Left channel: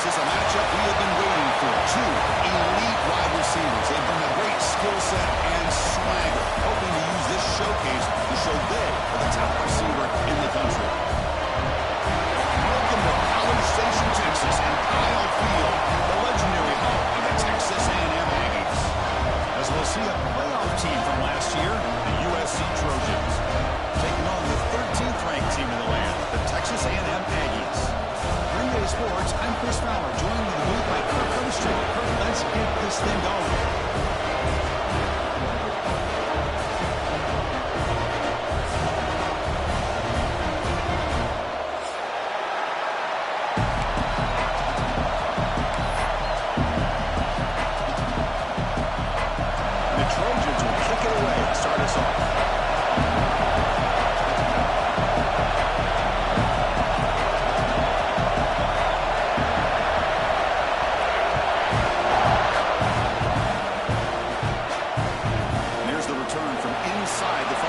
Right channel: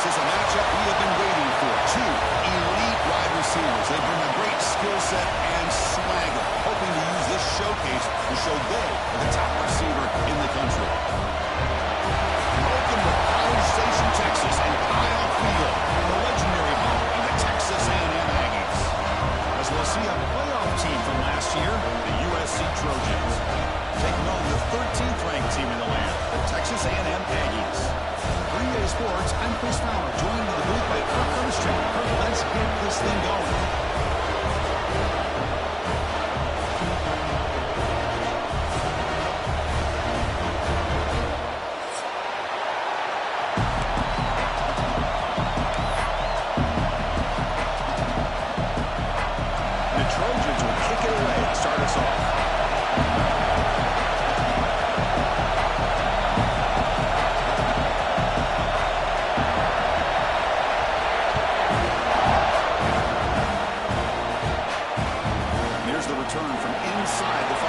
This is a matchup we have been waiting for. Two elite wide receivers. They bring a great skill set and swagger, hoping to use this showcase to show they are the top receiver in the country. Welcome to College Station, Texas, and Kyle Field, the legendary home of the Texas A&M Aggies. As we'll see a playoff team from last year, the USC Trojans, taking on the 13th ranked team in the land, the Texas A&M Aggies. 3A Sports, I'm Chris Fowler, joined in the booth by Kirk Herbstreit. Kirk, let's get this thing going. The Trojans will kick it away and start us off. Return from inside the 5.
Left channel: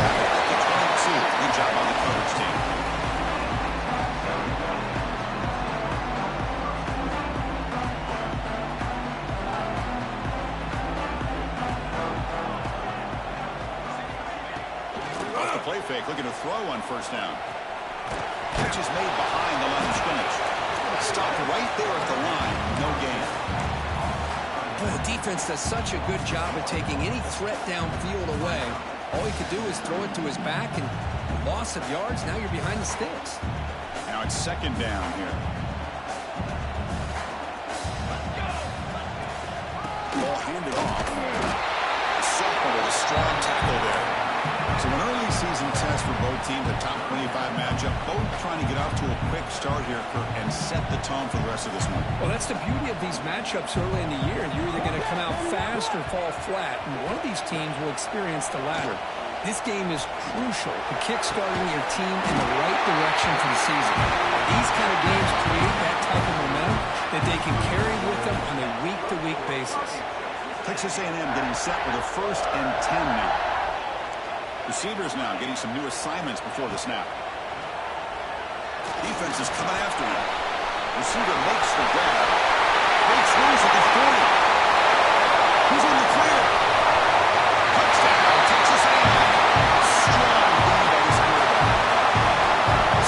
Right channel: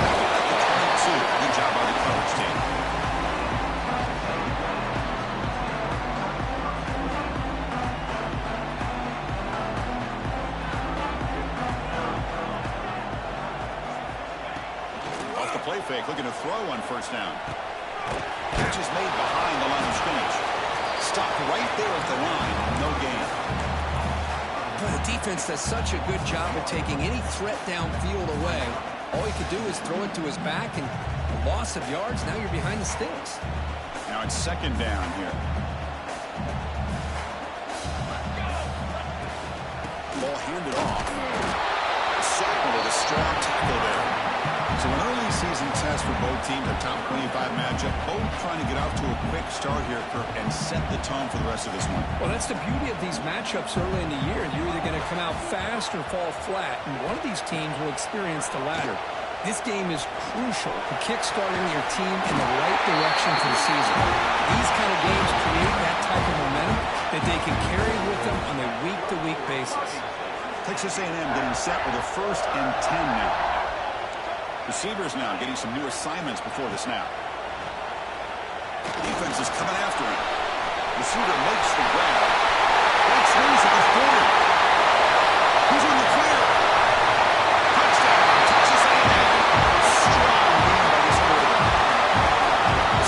Tackled at the 22. Good job by the coverage team. Off the play fake, looking to throw on first down. Catch is made behind the line of scrimmage. Stopped right there at the line. No gain. Well, the defense does such a good job of taking any threat downfield away. All you could do is throw it to his back, and a loss of yards, now you're behind the sticks. Now it's second down here. Ball handed off. The sophomore with a strong tackle there. So an early season test for both teams, a top 25 matchup. Both trying to get off to a quick start here, Kirk, and set the tone for the rest of this one. Well, that's the beauty of these matchups early in the year. You're either going to come out fast or fall flat, and one of these teams will experience the latter. This game is crucial to kick-starting your team in the right direction for the season. These kind of games create that type of momentum that they can carry with them on a week-to-week basis. Texas A&M getting set with a 1st and 10 now. Receivers now getting some new assignments before the snap. Defense is coming after him. Receiver makes the grab. Breaks loose at the 40. He's in the clear. Touchdown, Texas A&M. Strong game by this quarterback.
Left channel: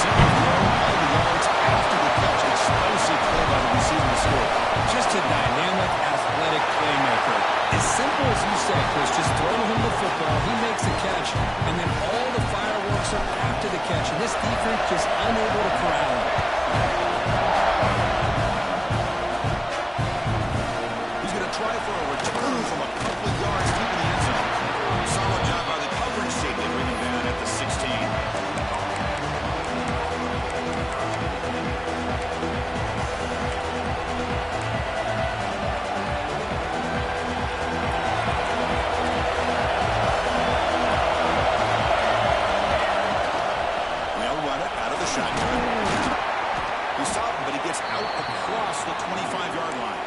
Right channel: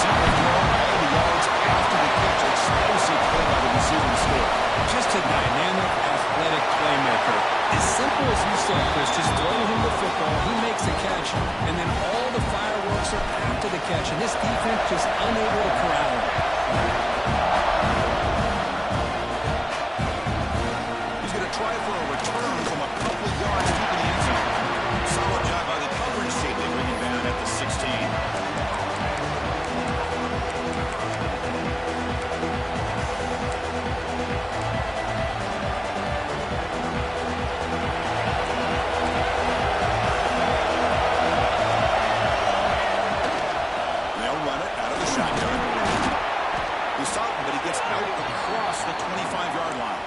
Simple throw, all the yards after the catch. Explosive play by the receiver to score. Just a dynamic, athletic playmaker. As simple as you said, Chris, just throw him the football, he makes a catch, and then all the fireworks are after the catch, and this defense just unable to corral him. He's going to try for a return from a couple of yards deep in the end zone. Solid job by the coverage team. They bring him down at the 16. Out across the 25-yard line.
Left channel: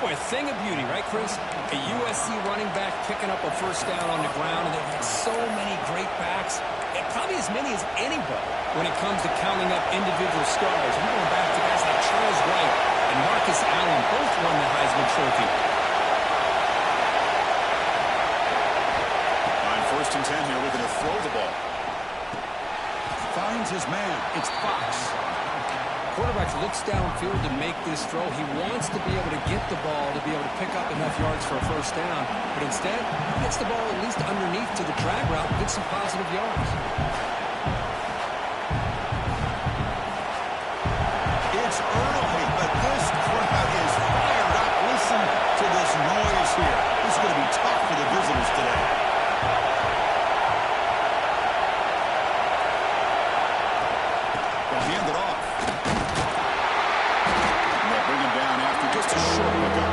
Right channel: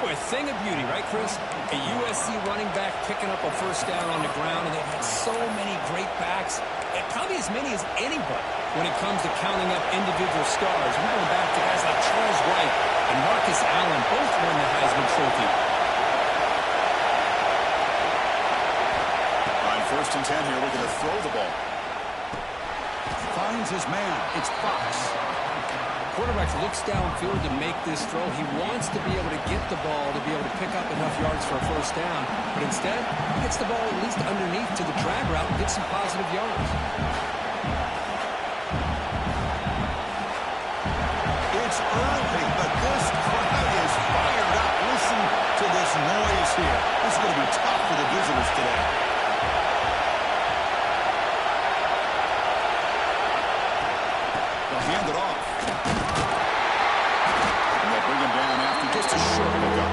Boy, a thing of beauty, right, Chris? A USC running back picking up a first down on the ground, and they've had so many great backs, and probably as many as anybody when it comes to counting up individual stars. We're going back to guys like Charles Wright and Marcus Allen, both won the Heisman Trophy. On 1st and 10 here, looking to throw the ball. Finds his man. It's Fox. Quarterback looks downfield to make this throw. He wants to be able to get the ball to be able to pick up enough yards for a first down. But instead, he gets the ball at least underneath to the drag route and gets some positive yards. It's early, but this crowd is fired up. Listen to this noise here. This is going to be tough for the visitors today. They'll hand it off. Bring him down after just a short pickup.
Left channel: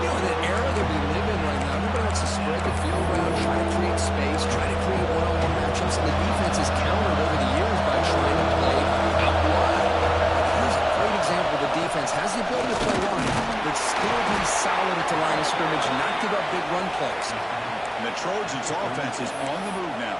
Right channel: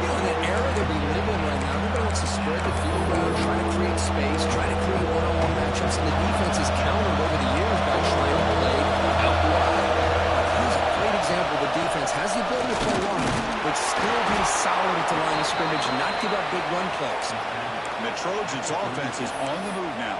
You know, in the era that we live in right now, everybody wants to spread the field around, try to create space, try to create one-on-one matchups, and the defense is countered over the years by trying to play out wide. Here's a great example of the defense has the ability to play line, but still be solid at the line of scrimmage and not give up big run plays. And the Trojans' offense is on the move now.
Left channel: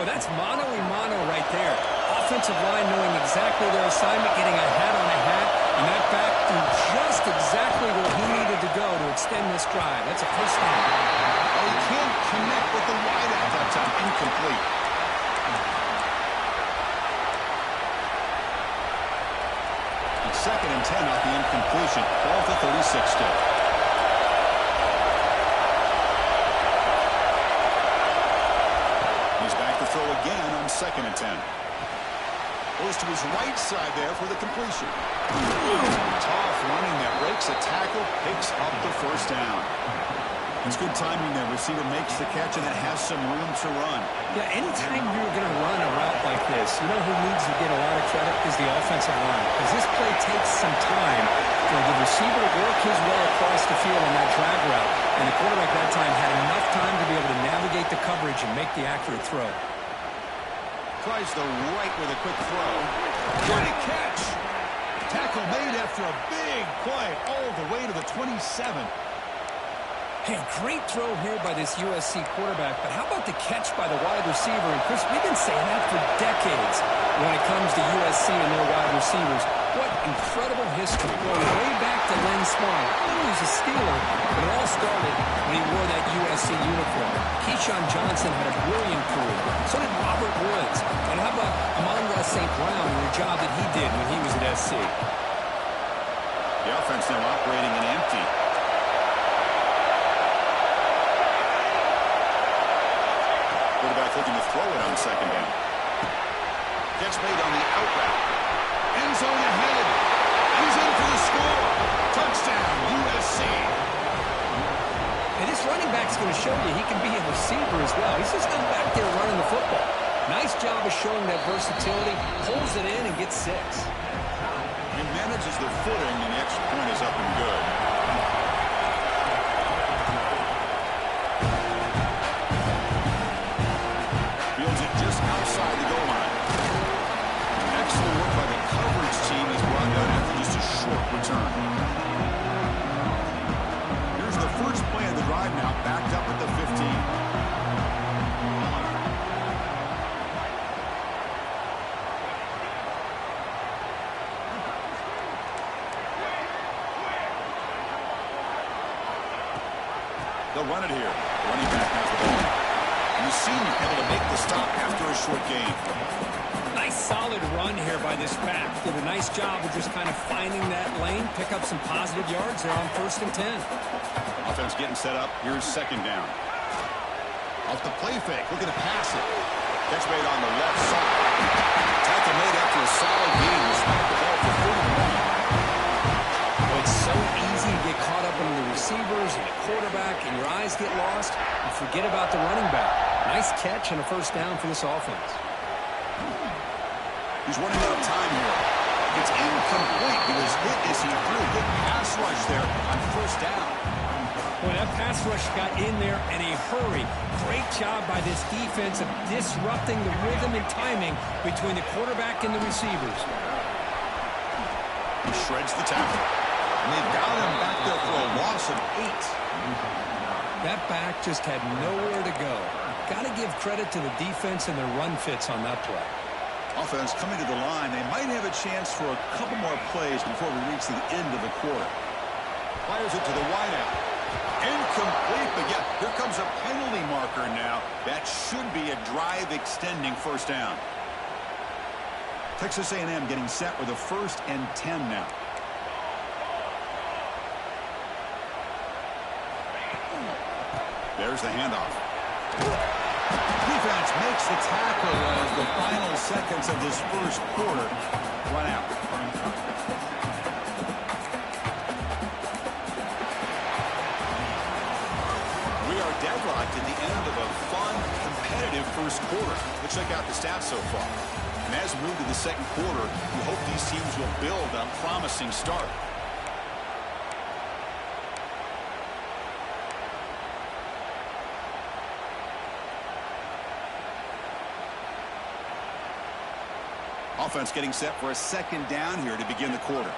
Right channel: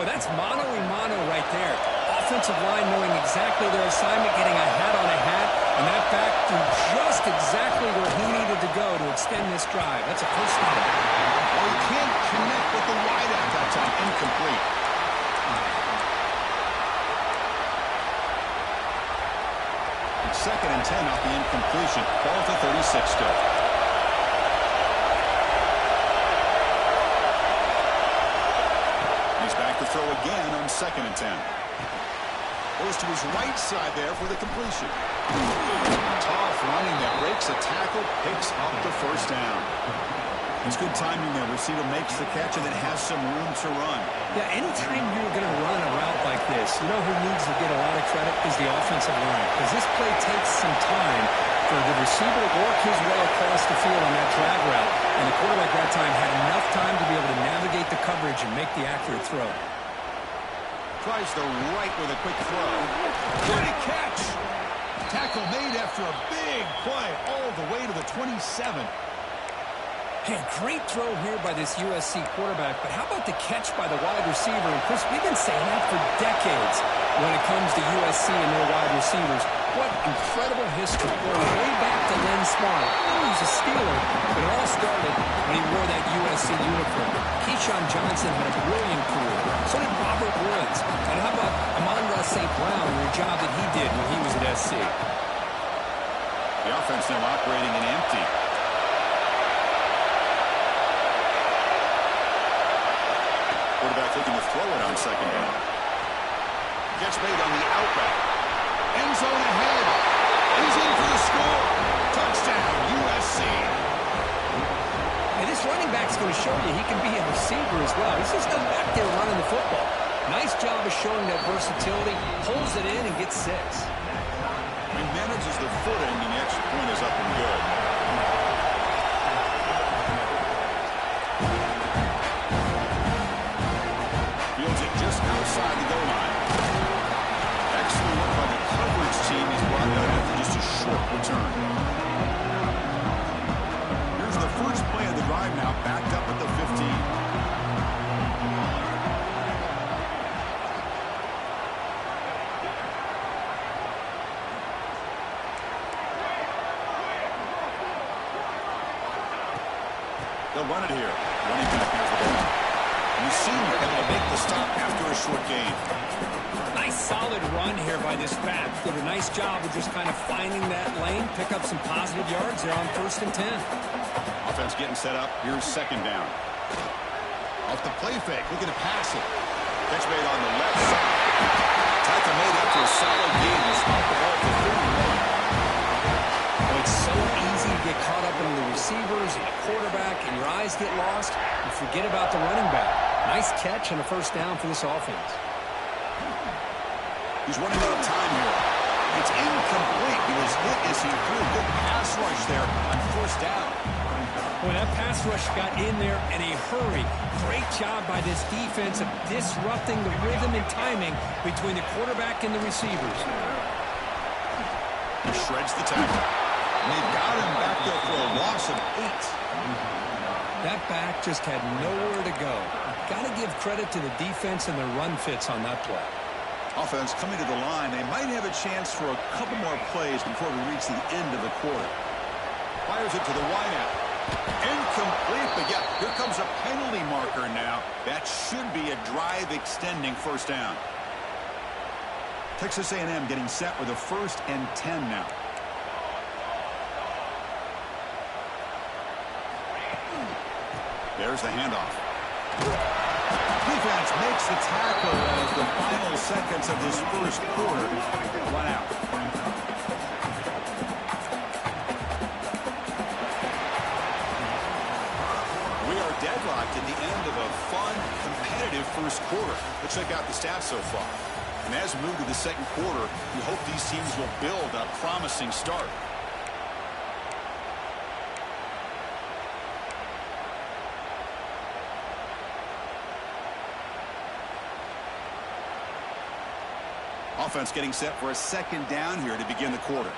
Well, that's mano-a-mano right there. Offensive line knowing exactly their assignment, getting a hat on a hat, and that back threw just exactly where he needed to go to extend this drive. That's a first down. Oh, he can't connect with the wideout that time. Incomplete. It's 2nd and 10 off the incompletion. Ball at the 36 still. He's back to throw again on 2nd and 10. Goes to his right side there for the completion. Tough running that breaks a tackle, picks up the first down. It's good timing there. Receiver makes the catch and then has some room to run. Yeah, anytime you're going to run a route like this, you know who needs to get a lot of credit is the offensive line. Because this play takes some time for the receiver to work his way across the field on that drag route. And the quarterback that time had enough time to be able to navigate the coverage and make the accurate throw. Tries the right with a quick throw. Good catch. Tackle made after a big play all the way to the 27. Hey, great throw here by this USC quarterback, but how about the catch by the wide receiver? And Chris, we've been saying that for decades when it comes to USC and their wide receivers. What incredible history, going way back to Len Smart. He was a Steeler, but it all started when he wore that USC uniform. Keyshawn Johnson had a brilliant career. So did Robert Woods. And how about Amon-Ra St. Brown and the job that he did when he was at SC? The offense now operating in empty. Quarterback looking to throw it on 2nd down. Catch made on the out route. End zone ahead. And he's in for the score. Touchdown, USC. And this running back's going to show you he can be a receiver as well. He's just not back there running the football. Nice job of showing that versatility. Pulls it in and gets 6. He manages the footing, and the extra point is up and good. Fields it just outside the goal line. Excellent work by the coverage team. He's brought down after just a short return. Here's the first play of the drive now, backed up at the 15. They'll run it here. Running back has the ball. And the senior able to make the stop after a short gain. Nice solid run here by this back. Did a nice job of just kind of finding that lane, pick up some positive yards there on 1st and 10. Offense getting set up. Here's 2nd down. Off the play fake, looking to pass it. Catch made on the left side. Tackle made after a solid gain. Will spot the ball for 31. Well, it's so easy to get caught up in the receivers and the quarterback, and your eyes get lost. You forget about the running back. Nice catch and a first down for this offense. He's running out of time here. It's incomplete. He was hit as he threw. Good pass rush there on 1st down. Boy, that pass rush got in there in a hurry. Great job by this defense of disrupting the rhythm and timing between the quarterback and the receivers. He shreds the tackle. And they've got him back there for a loss of 8. That back just had nowhere to go. Got to give credit to the defense and their run fits on that play. Offense coming to the line. They might have a chance for a couple more plays before we reach the end of the quarter. Fires it to the wideout. Incomplete, but yeah, here comes a penalty marker now. That should be a drive-extending first down. Texas A&M getting set with a 1st and 10 now. There's the handoff. Defense makes the tackle as the final seconds of this first quarter run out. We are deadlocked at the end of a fun, competitive first quarter. Let's check out the stats so far. And as we move to the 2nd quarter, we hope these teams will build a promising start. Offense getting set for a 2nd down here to begin the quarter.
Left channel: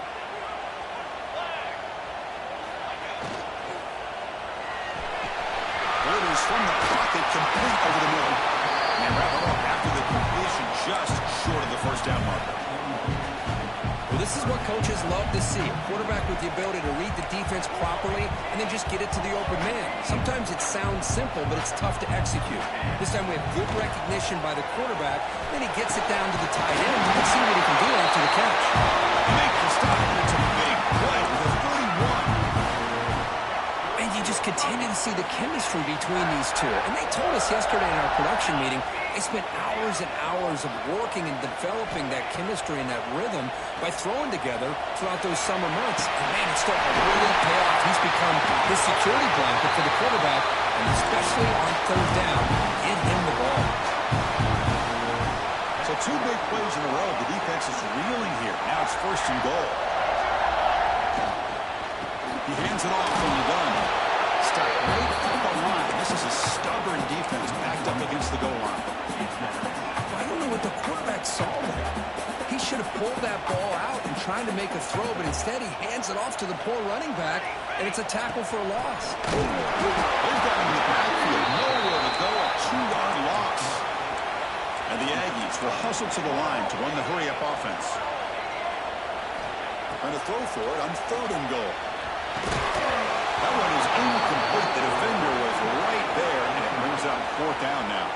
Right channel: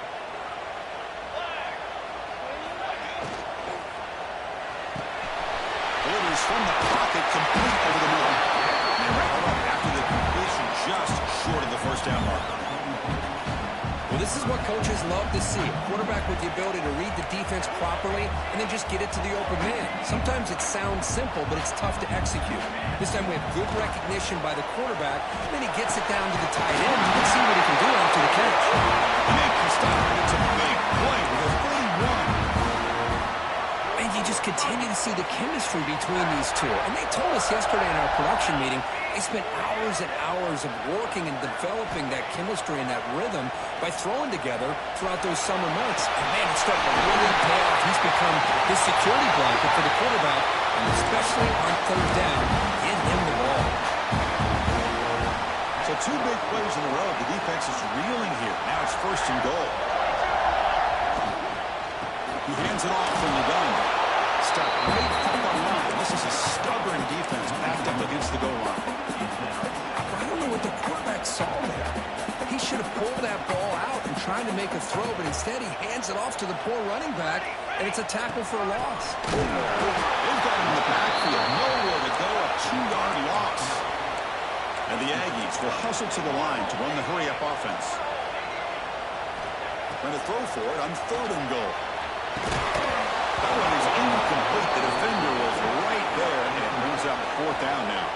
Delivers from the pocket, complete over the middle. And they wrap it up after the completion just short of the first down marker. Well, this is what coaches love to see. A quarterback with the ability to read the defense properly and then just get it to the open man. Sometimes it sounds simple, but it's tough to execute. This time we have good recognition by the quarterback, and then he gets it down to the tight end. You can see what he can do after the catch. They make the stop, and it's a big play with a 31. And you just continue to see the chemistry between these two. And they told us yesterday in our production meeting, they spent hours and hours of working and developing that chemistry and that rhythm by throwing together throughout those summer months. And, man, it's starting to really pay off. He's become his security blanket for the quarterback, and especially on third down, get him the ball. So 2 big plays in a row. The defense is reeling here. Now it's first and goal. He hands it off from the gun. Stuck right at the line. This is a stubborn defense backed up against the goal line. I don't know what the quarterback saw there. He should have pulled that ball out and tried to make a throw, but instead he hands it off to the poor running back, and it's a tackle for a loss. They've got him in the backfield. Nowhere to go. A 2-yard loss. And the Aggies will hustle to the line to run the hurry-up offense. Trying to throw for it on third and goal. That one is incomplete. The defender was right there, and it brings up fourth down now.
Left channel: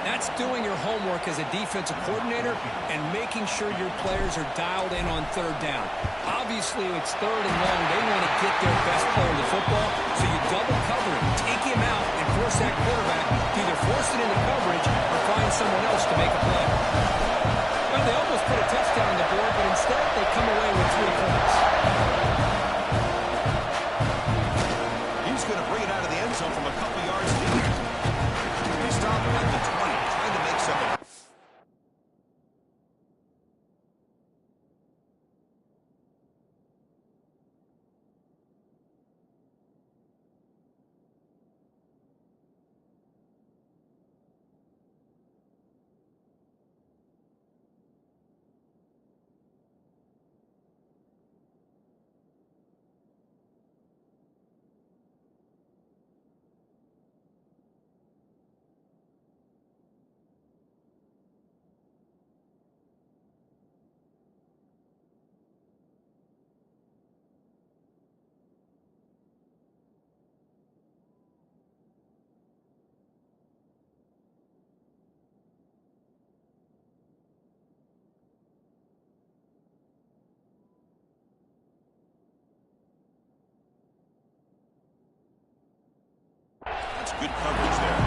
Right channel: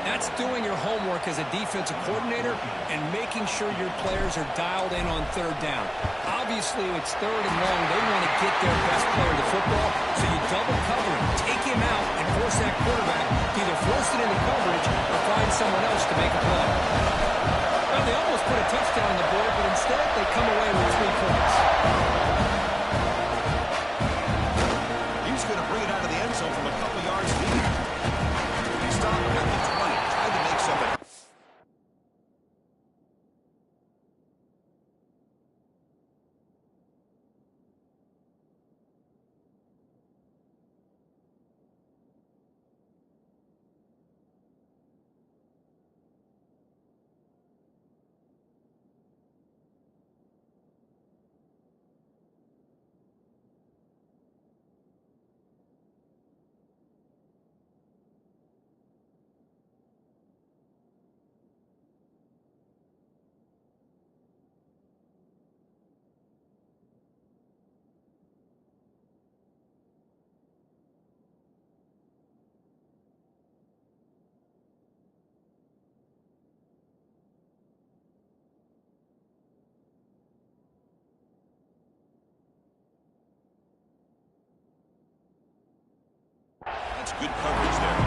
That's doing your homework as a defensive coordinator and making sure your players are dialed in on third down. Obviously, it's third and long. They want to get their best player to football, so you double cover him, take him out, and force that quarterback to either force it into coverage or find someone else to make a play. Well, they almost put a touchdown on the board, but instead they come away with 3 points. He's going to bring it out of the end zone from a couple yards deep. They stop him at the 20, trying to make something. That's good coverage there.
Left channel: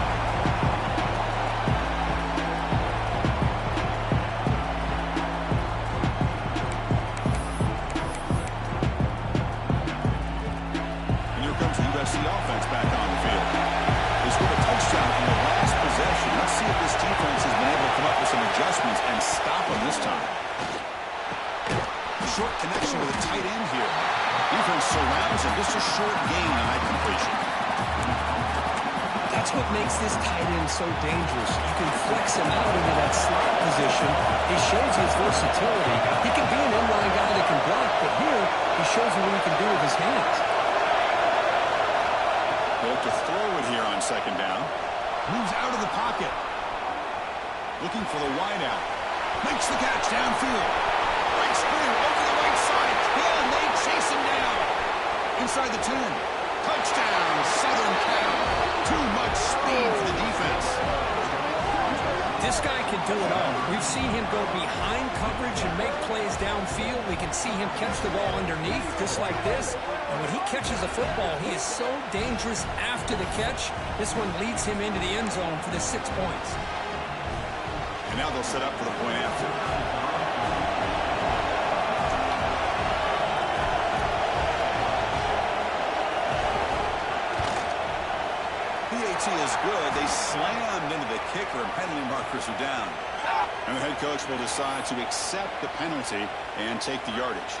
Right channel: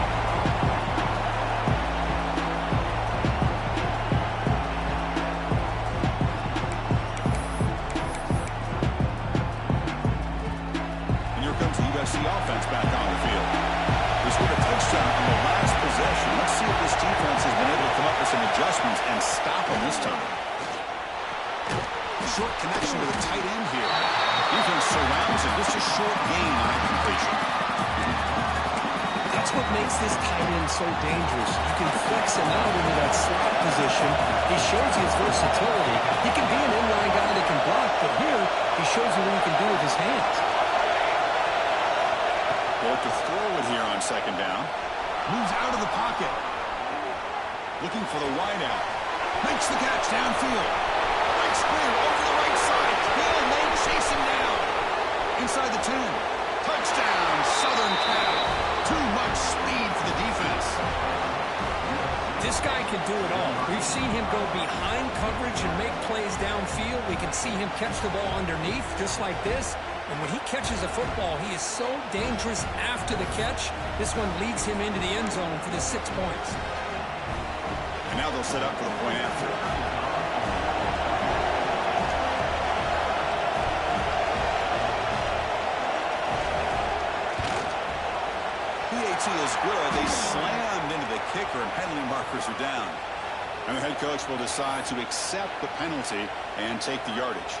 And here comes the USC offense back on the field. They scored a touchdown on the last possession. Let's see if this defense has been able to come up with some adjustments and stop them this time. Short connection to the tight end here. Defense surrounds him. Just a short gain on that completion. That's what makes this tight end so dangerous. You can flex him out into that slot position. He shows his versatility. He can be an inline guy that can block, but here he shows you what he can do with his hands. They'll look to throw it here on second down. Moves out of the pocket. Looking for the wideout. Makes the catch downfield. Breaks clear over the right side. Can they chase him down? Inside the 10. Touchdown, Southern Cal. Too much speed for the defense. This guy can do it all. We've seen him go behind coverage and make plays downfield. We can see him catch the ball underneath just like this. And when he catches a football, he is so dangerous after the catch. This one leads him into the end zone for the 6 points. And now they'll set up for the point after. PAT is good. They slammed into the kicker, and penalty markers are down. And the head coach will decide to accept the penalty and take the yardage.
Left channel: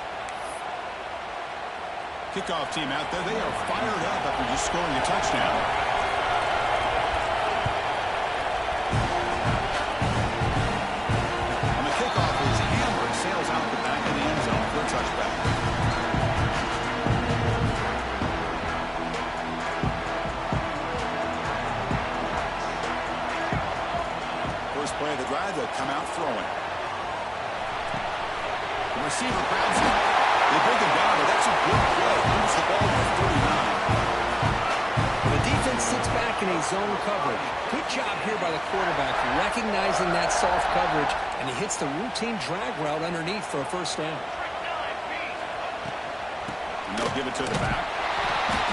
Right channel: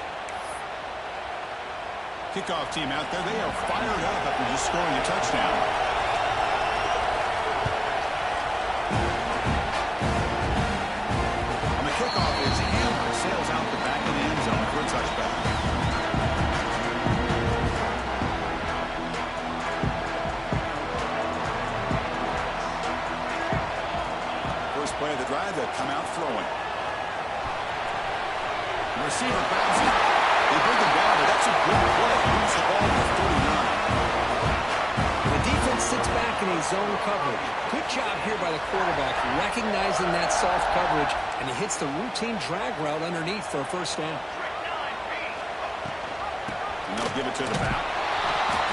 Kickoff team out there. They are fired up after just scoring a touchdown. On the kickoff, his hammer sails out the back of the end zone for a touchback. Play of the drive, they'll come out throwing. The receiver grabs him. They bring him down, but that's a good play. Moves the ball to 39. The defense sits back in a zone coverage. Good job here by the quarterback, recognizing that soft coverage, and he hits the routine drag route underneath for a first down. And they'll give it to the back.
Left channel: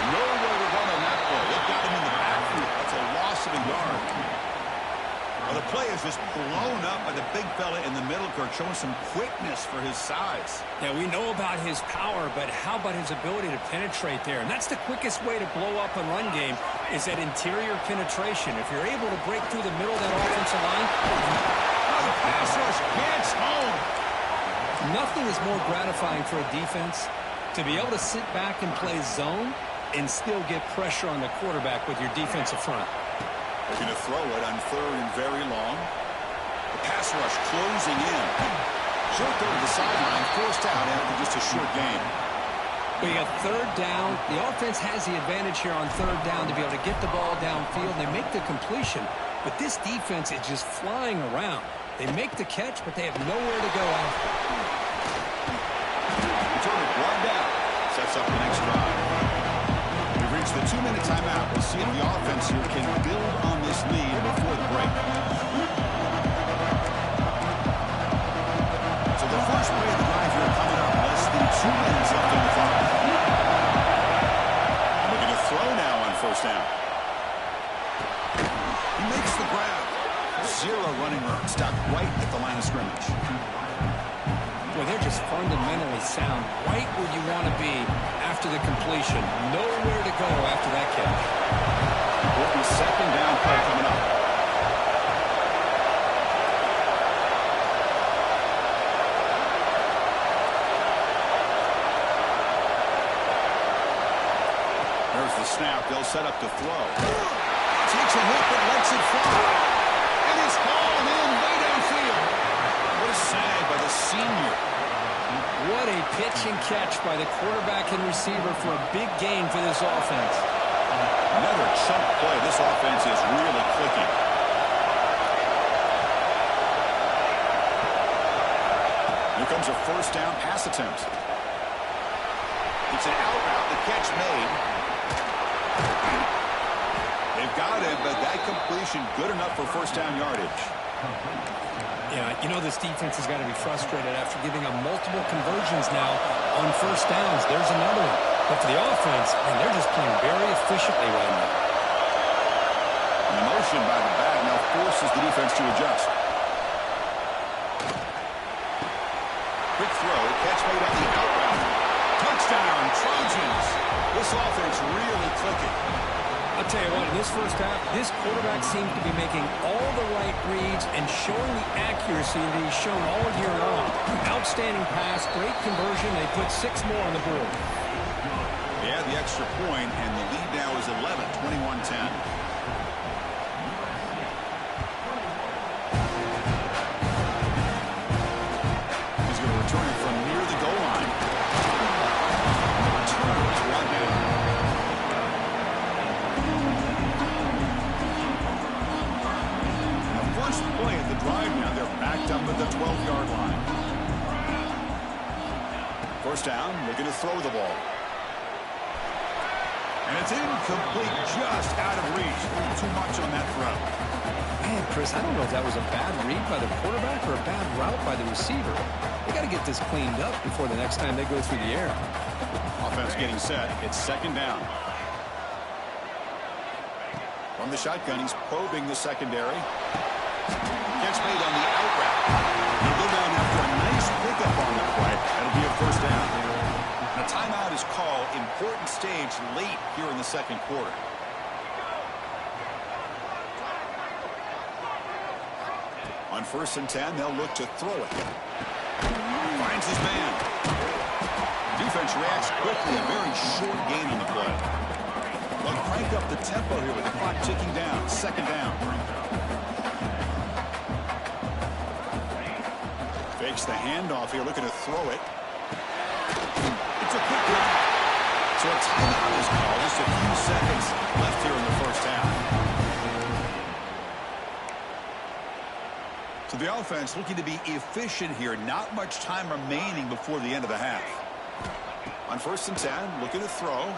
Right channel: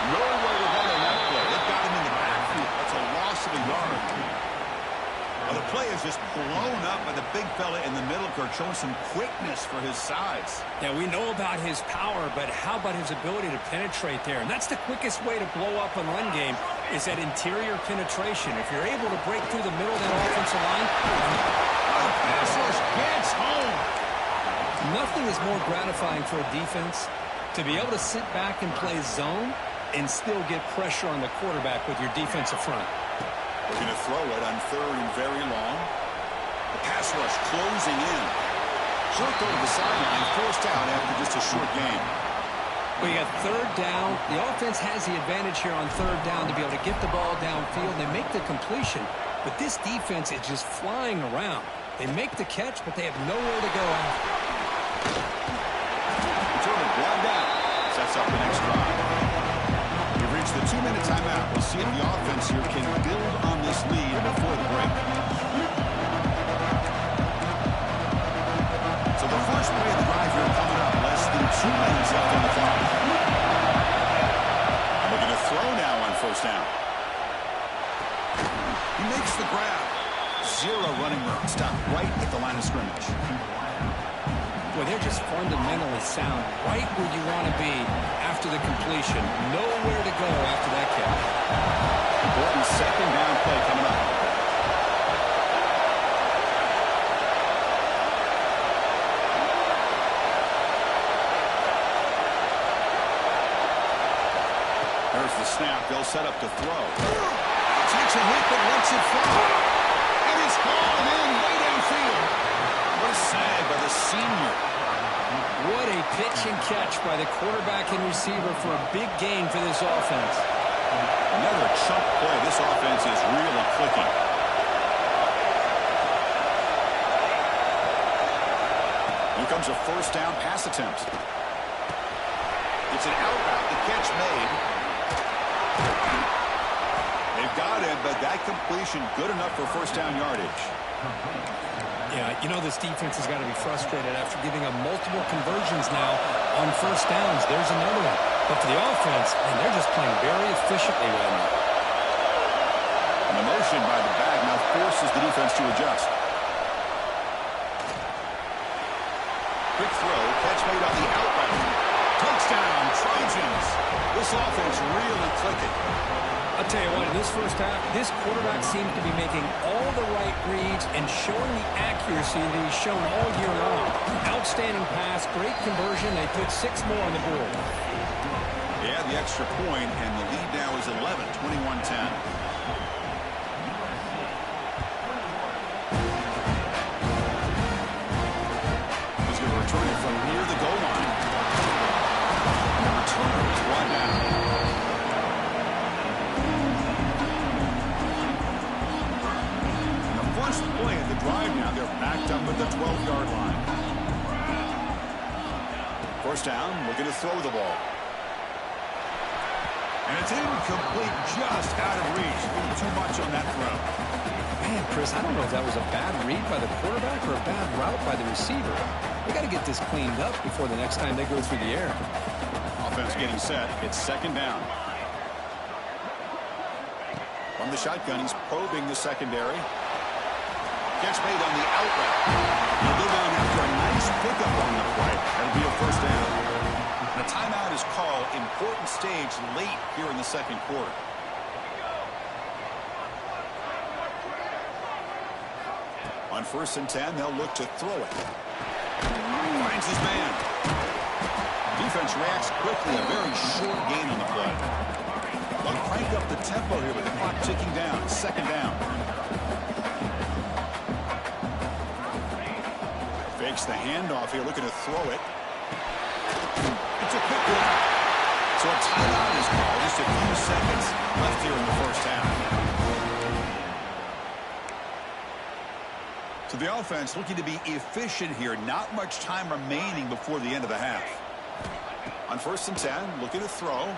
Nowhere to run on that play. They've got him in the backfield. That's a loss of a yard. Well, the play is just blown up by the big fella in the middle, Kirk, showing some quickness for his size. Yeah, we know about his power, but how about his ability to penetrate there? And that's the quickest way to blow up a run game is that interior penetration. If you're able to break through the middle of that offensive line. Oh, the pass rush gets home. Nothing is more gratifying for a defense to be able to sit back and play zone and still get pressure on the quarterback with your defensive front. They're going to throw it on third and very long. The pass rush closing in. Short throw to the sideline, forced out after just a short gain. Well, you got third down. The offense has the advantage here on third down to be able to get the ball downfield. They make the completion, but this defense is just flying around. They make the catch, but they have nowhere to go after. Returner one down. Sets up the next drive. We've reached the 2-minute timeout. We'll see if the offense here can build on this lead before the break. So the first play of the drive here coming up. Less than 2 minutes left on the clock. And we're going to throw now on first down. He makes the grab. Zero running room. Stopped right at the line of scrimmage. Boy, they're just fundamentally sound, right where you want to be after the completion. Nowhere to go after that catch. Important second down play coming up. There's the snap. They'll set up to throw. Takes a hit but lets it fly. And it's hauled in way downfield. What a sag by the senior. What a pitch and catch by the quarterback and receiver for a big gain for this offense. Another chunk play. This offense is really clicking. Here comes a first down pass attempt. It's an out route. The catch made. They've got him, but that completion good enough for first down yardage. Yeah, you know this defense has got to be frustrated after giving up multiple conversions now on first downs. There's another one. But for the offense, man, they're just playing very efficiently right now. And the motion by the back now forces the defense to adjust. Quick throw, catch made on the out route. Touchdown, Trojans. This offense really clicking. I'll tell you what, in this first half, this quarterback seems to be making all the right reads and showing the accuracy that he's shown all year long. Outstanding pass, great conversion. They put 6 more on the board. Yeah, the extra point, and the lead now is 11, 21-10. He's going to return it from near the goal line. And the returner is brought down. First play at the drive now. They're backed up at the 12-yard line. First down, looking to throw the ball. And it's incomplete, just out of reach. A little too much on that throw. Man, Chris, I don't know if that was a bad read by the quarterback or a bad route by the receiver. They got to get this cleaned up before the next time they go through the air. Offense getting set. It's second down. From the shotgun, he's probing the secondary. Catch made on the out route. He'll go down after a nice pickup on the play. That'll be a first down. And a timeout is called. Important stage late here in the second quarter. On 1st and 10, they'll look to throw it. Finds his man. Defense reacts quickly. A very short gain on the play. They'll crank up the tempo here with the clock ticking down. Second down. Fakes the handoff here, looking to throw it. It's a quick one. So a timeout is called. Just a few seconds left here in the first half. So the offense looking to be efficient here. Not much time remaining before the end of the half. On 1st and 10, looking to throw.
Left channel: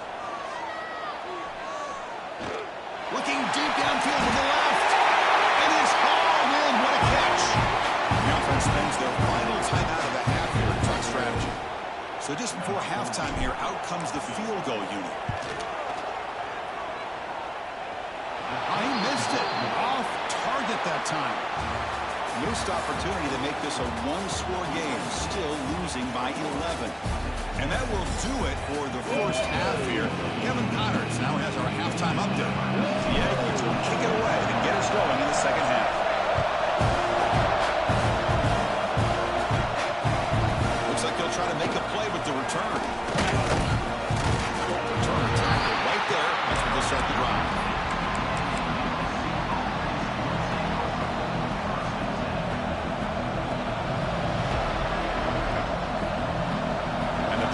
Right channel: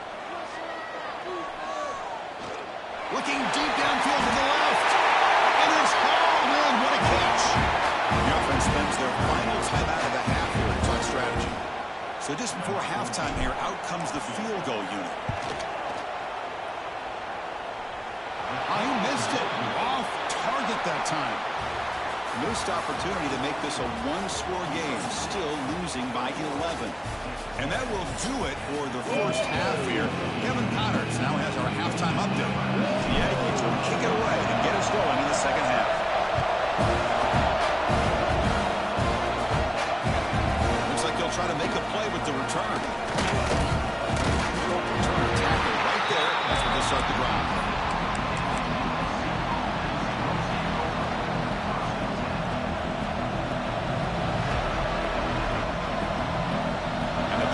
Looking deep downfield to the left. And it's hauled in. What a catch. The offense spends their final timeout of the half here in truck strategy. So just before halftime here, out comes the field goal unit. He missed it. Off target that time. Missed opportunity to make this a one-score game. Still losing by 11. And that will do it for the first half here. Kevin Connors now has our halftime update. The Yankees will kick it away to get us going in the second half. Looks like they'll try to make a play with the return. Returner tackle right there. That's where they'll start the drive.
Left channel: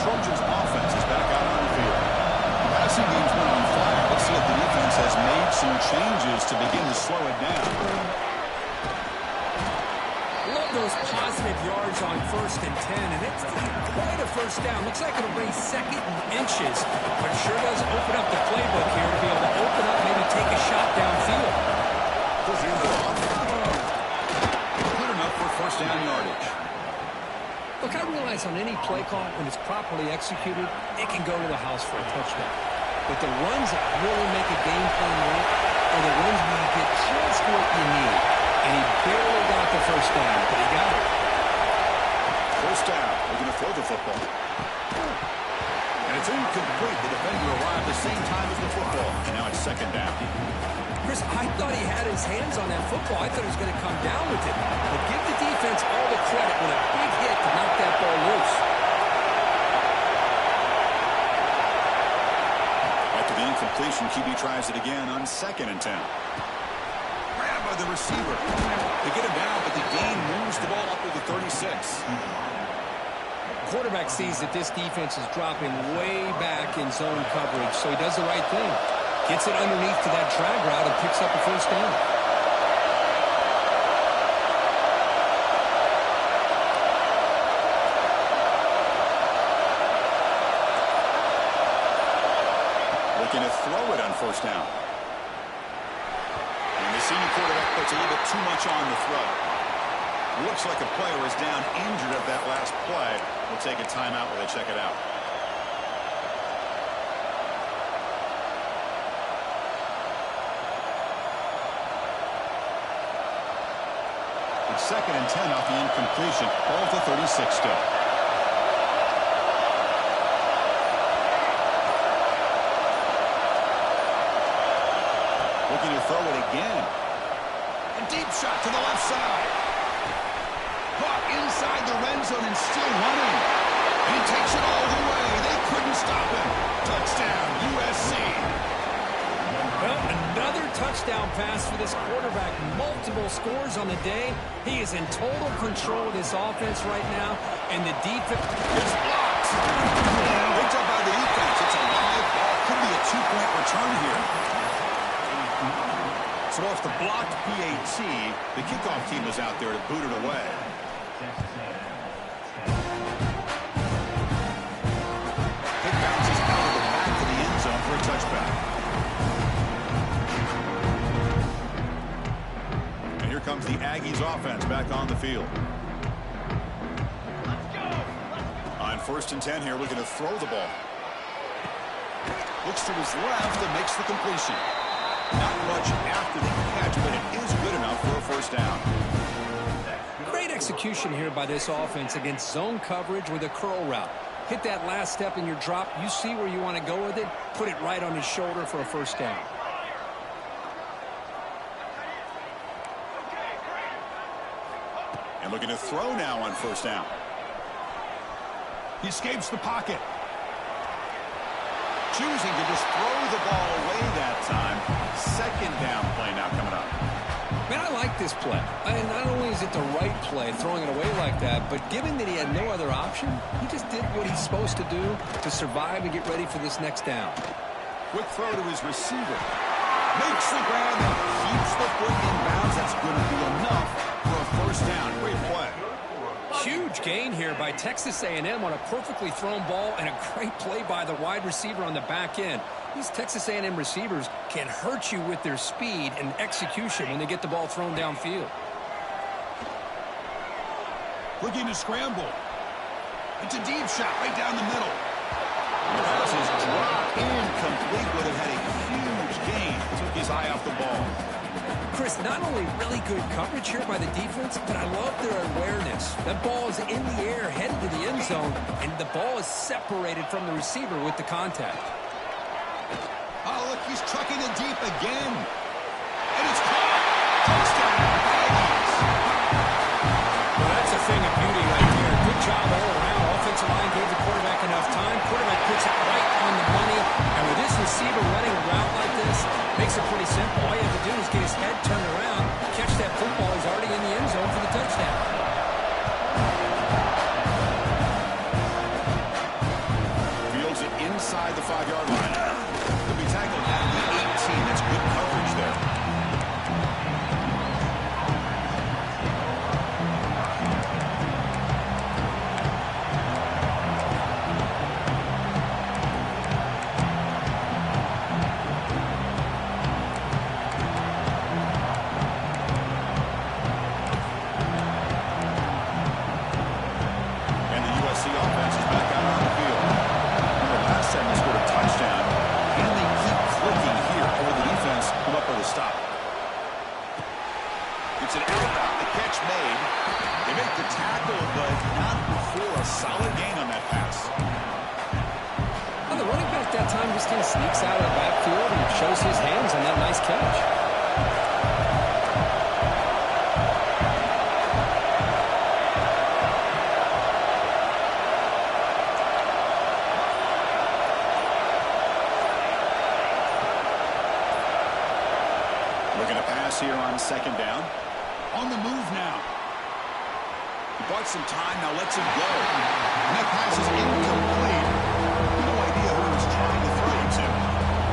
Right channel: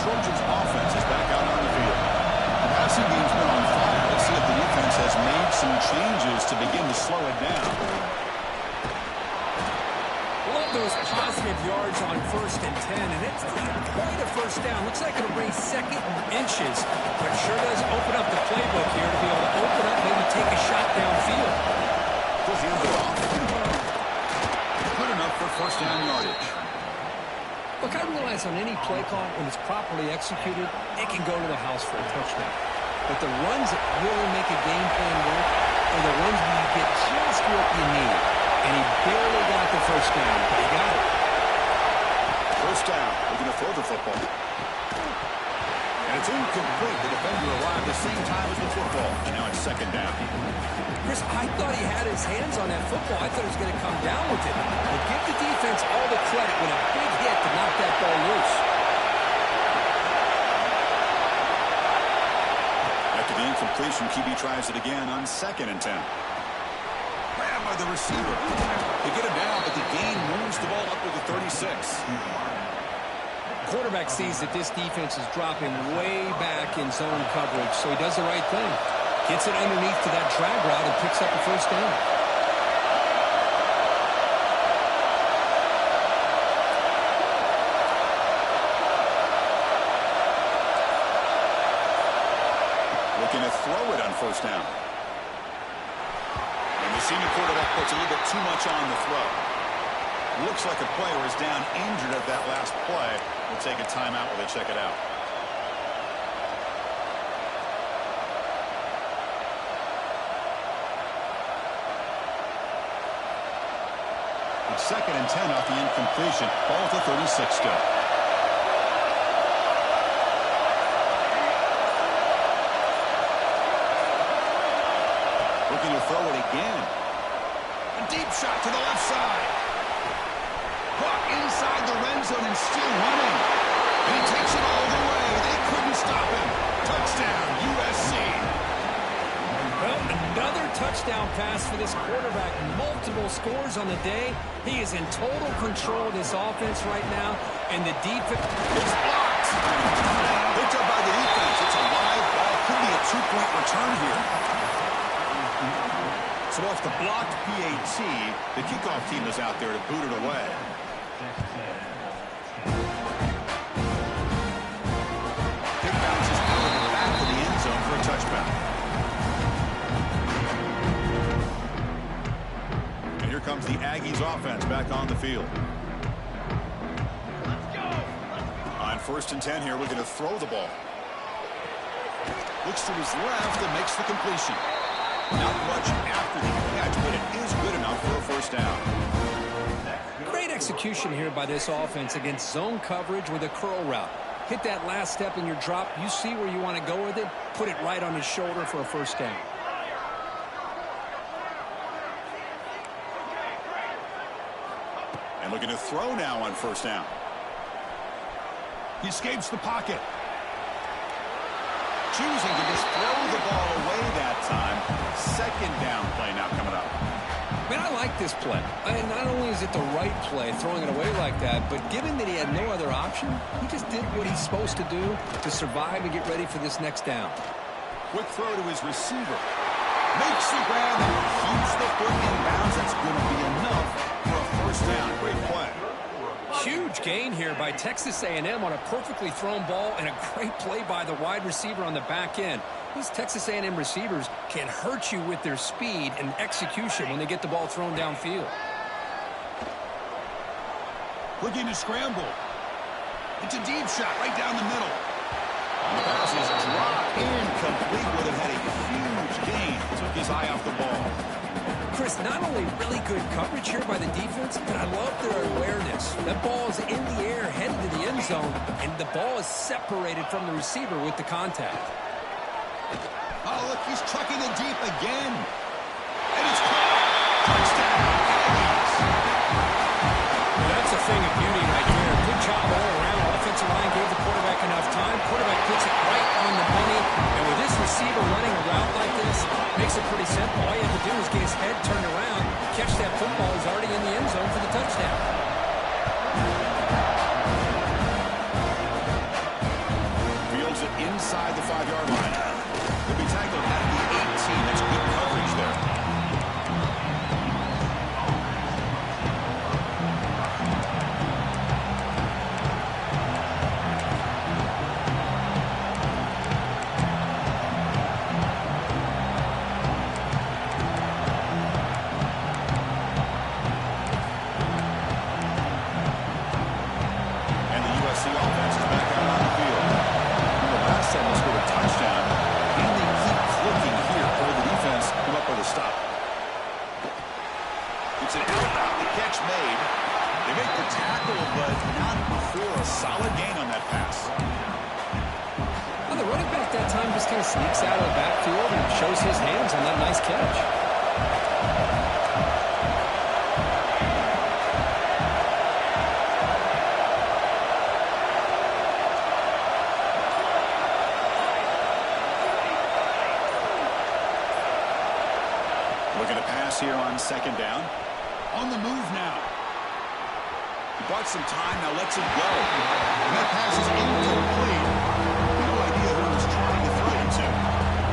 Trojans offense is back out on the field. The passing game's been on fire. Let's see if the defense has made some changes to begin to slow it down. Love those positive yards on 1st and 10, and it's quite a first down. Looks like it'll bring 2nd and inches, but it sure does open up the playbook here to be able to open up, maybe take a shot downfield. He'll hand it off. Good enough for 1st down yardage. Look, I realize on any play call, when it's properly executed, it can go to the house for a touchdown. But the runs that really make a game plan work are the ones where you get just what you need. And he barely got the 1st down, but he got it. 1st down. Looking to throw the football. And it's incomplete. The defender arrived the same time as the football. And now it's 2nd down. Chris, I thought he had his hands on that football. I thought he was going to come down with it. But give the defense all the credit with a big hit to knock that ball loose. After the incompletion, QB tries it again on 2nd and 10. Grabbed by the receiver. They get him down, but the gain moves the ball up to the 36. Quarterback sees that this defense is dropping way back in zone coverage, so he does the right thing. Gets it underneath to that drag route and picks up a 1st down. Looking to throw it on 1st down. And the senior quarterback puts a little bit too much on the throw. Looks like a player is down injured at that last play. We'll take a timeout while they check it out. It's 2nd and 10 off the incompletion. Ball to 36 still. Looking to throw it again. A deep shot to the left side. Caught inside the red zone and still running. And he takes it all the way. They couldn't stop him. Touchdown, USC. Well, another touchdown pass for this quarterback. Multiple scores on the day. He is in total control of this offense right now. And the defense is blocked. Picked up by the defense. It's a live ball. Could be a 2-point return here. So off the blocked PAT, the kickoff team is out there to boot it away. Kick bounces out of the back of the end zone for a touchback. And here comes the Aggies offense back on the field. Let's go. On 1st and 10 here, looking to throw the ball. Looks to his left and makes the completion. Not much after the catch, but it is good enough for a 1st down. Great execution here by this offense against zone coverage with a curl route. Hit that last step in your drop. You see where you want to go with it. Put it right on his shoulder for a 1st down. And looking to throw now on 1st down. He escapes the pocket. Choosing to just throw the ball away that time. 2nd down play now coming up. Man, I like this play. And not only is it the right play, throwing it away like that, but given that he had no other option, he just did what he's supposed to do to survive and get ready for this next down. Quick throw to his receiver. Makes the grab and keeps the foot in bounds. That's going to be enough for a first down. Great play. Huge gain here by Texas A&M on a perfectly thrown ball and a great play by the wide receiver on the back end. These Texas A&M receivers can hurt you with their speed and execution when they get the ball thrown downfield. Looking to scramble. It's a deep shot right down the middle. The pass is dropped incomplete. Would have had a huge gain. Took his eye off the ball. Chris, not only really good coverage here by the defense, but I love their awareness. That ball is in the air, headed to the end zone, and the ball is separated from the receiver with the contact. Oh, look, he's chucking it deep again. And it's caught. Touchdown, Aggies. Well, that's a thing of beauty right there. Good job all around. Offensive line gave the quarterback enough time. Quarterback puts it right on the money. And with this receiver running a route like this, makes it pretty simple. All you have to do is get his head turned around, catch that football. He's already in the end zone for the touchdown. Fields it inside the 5-yard line. Could be tackled at the 18. That's good coverage there. And the USC offense is back out on the field. Remember last time they scored a touchdown. Can they keep clicking here, or will the defense come up with a stop? It's an out. The catch made. They make the tackle, but not before a solid gain on that pass. Well, the running back that time just kind of sneaks out of the backfield and shows his hands on that nice catch. Looking to pass here on second down. On the move now. He bought some time, now lets it go. And that pass is incomplete. No idea who he was trying to throw it to.